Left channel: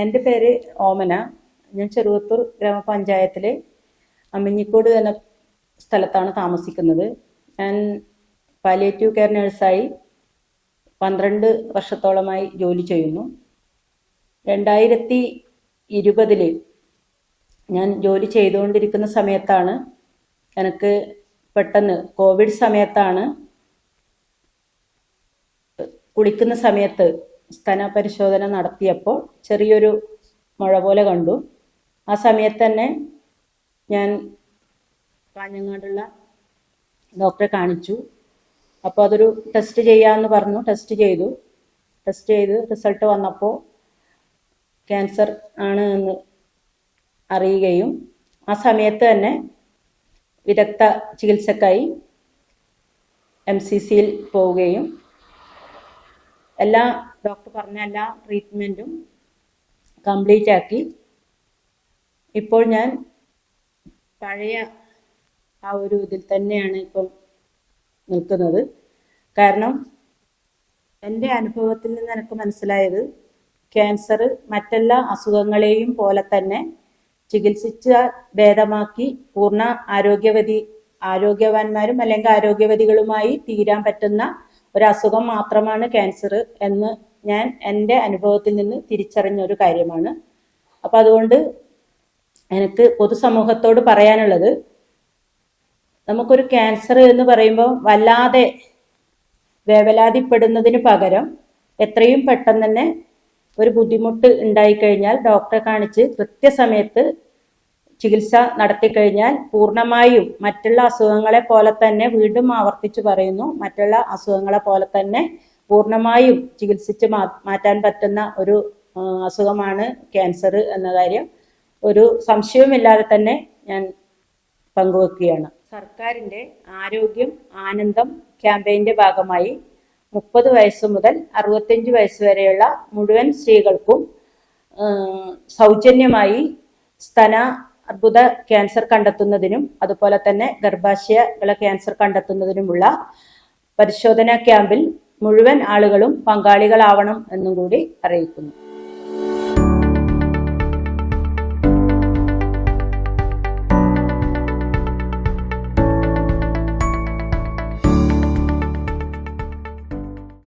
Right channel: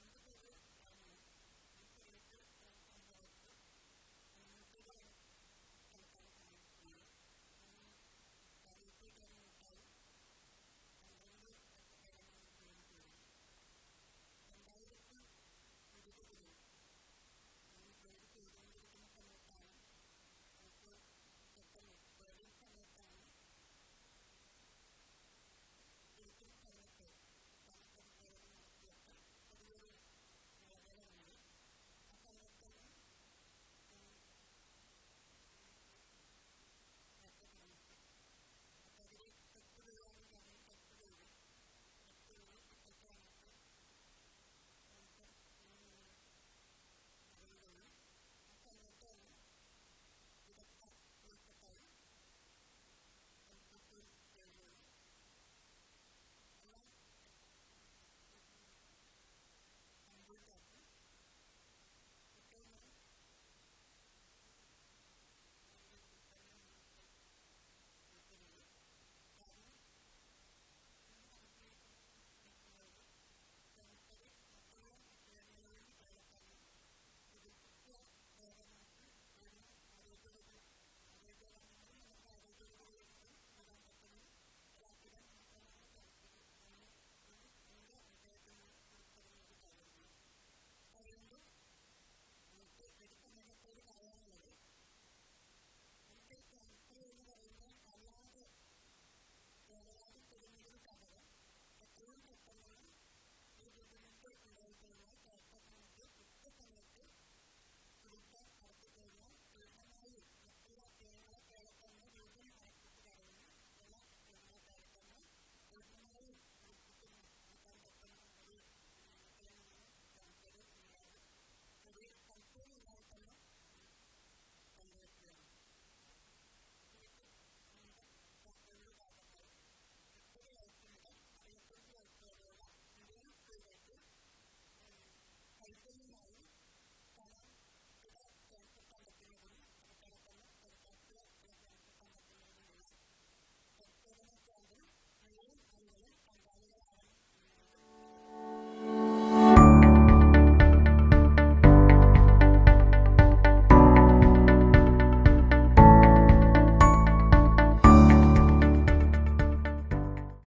എന്റെ പേര് ഓമന. ഞാൻ ചെറുവത്തൂർ ഗ്രാമപഞ്ചായത്തിലെ അമ്മിഞ്ഞിക്കോട് എന്ന സ്ഥലത്താണ് താമസിക്കുന്നത്. ഞാൻ പാലിയേറ്റീവ് കെയർ നഴ്സായി പന്ത്രണ്ട് വർഷത്തോളമായി ജോലി ചെയ്യുന്നു. രണ്ടായിരത്തി ഇരുപതിൽ ഞാൻ ജോലി ചെയ്തുകൊണ്ടിരിക്കുന്ന സമയത്താണ് എനിക്ക് പെട്ടെന്ന് കോവിഡ് സമയത്താണ് കുളിക്കുന്ന സമയത്ത് സ്തന പരിശോധന നടത്തിയപ്പോൾ ചെറിയൊരു മുഴ പോലെ കണ്ടു. ആ സമയത്ത് തന്നെ ഞാൻ കാഞ്ഞങ്ങാടുള്ള ഡോക്ടറെ കാണിച്ചു. അപ്പോൾ അതൊരു ടെസ്റ്റ് ചെയ്യാമെന്ന് പറഞ്ഞു. ടെസ്റ്റ് ചെയ്തു. ടെസ്റ്റ് ചെയ്ത് റിസൾട്ട് വന്നപ്പോൾ ക്യാൻസർ ആണ് എന്ന് അറിയുകയും ആ സമയത്ത് തന്നെ വിദഗ്ധ ചികിത്സക്കായി എം സി സിയിൽ പോവുകയും എല്ലാ ഡോക്ടർ പറഞ്ഞ എല്ലാ ട്രീറ്റ്മെന്റും കംപ്ലീറ്റ് ആക്കി. ഇപ്പോൾ ഞാൻ പഴയ ആ ഒരു ഇതിൽ തന്നെയാണ് ഇപ്പം നിൽക്കുന്നത്. കാരണം എന്റെ അനുഭവത്തിൽ നിന്ന് എനിക്ക് മനസ്സിലായത് ക്യാൻസർ മറ്റെല്ലാ അസുഖങ്ങളെയും പോലെ തന്നെ ചികിത്സിച്ച ഭേദമാക്കി പൂർണ ആരോഗ്യവതി ആരോഗ്യവാന്മാരും അല്ലെങ്കിൽ ആരോഗ്യവതികളുമായി തീരാൻ പറ്റുന്ന ഒരു അസുഖം മാത്രമാണ് ക്യാൻസർ എന്ന് ഞാൻ എന്റെ അനുഭവത്തിൽ നിന്ന് തിരിച്ചറിഞ്ഞ ഒരു കാര്യമാണ്. അപ്പം അതുകൊണ്ട് എനിക്ക് പൊതുസമൂഹത്തോട് പറയാനുള്ളത് നമുക്കൊരു ക്യാൻസർ എന്ന് പറയുമ്പോൾ വല്ലാതെ വേവലാതിപ്പെടുന്നതിന് പകരം എത്രയും പെട്ടെന്ന് തന്നെ ഒരു ബുദ്ധിമുട്ട് ഉണ്ടായിക്കഴിഞ്ഞാൽ ഡോക്ടറെ കാണിച്ച് കൃത്യസമയത്ത് ചികിത്സ നടത്തിക്കഴിഞ്ഞാൽ പൂർണമായും മറ്റുള്ള അസുഖങ്ങളെ പോലെ തന്നെ വീണ്ടും ആവർത്തിച്ച് പറയുന്നു. മറ്റുള്ള അസുഖങ്ങളെ പോലെ തന്നെ പൂർണമായും ചികിത്സിച്ച് മാറ്റാൻ പറ്റുന്ന ഒരു അസുഖമാണ് ക്യാൻസർ എന്ന കാര്യം ഒരു സംശയവുമില്ലാതെ തന്നെ ഞാൻ പങ്കുവെക്കുകയാണ്. സർക്കാരിന്റെ ആരോഗ്യം ആനന്ദം ക്യാമ്പയിന്റെ ഭാഗമായി മുപ്പത് വയസ്സ് മുതൽ അറുപത്തഞ്ച് വയസ്സ് വരെയുള്ള മുഴുവൻ സ്ത്രീകൾക്കും സൗജന്യമായി സ്തന അർബുദ ക്യാൻസർ കണ്ടെത്തുന്നതിനും അതുപോലെ തന്നെ ഗർഭാശയകള ക്യാൻസർ കണ്ടെത്തുന്നതിനുമുള്ള പരിശോധനാ ക്യാമ്പിൽ മുഴുവൻ ആളുകളും പങ്കാളികളാവണം എന്നും കൂടി അറിയിക്കുന്നു.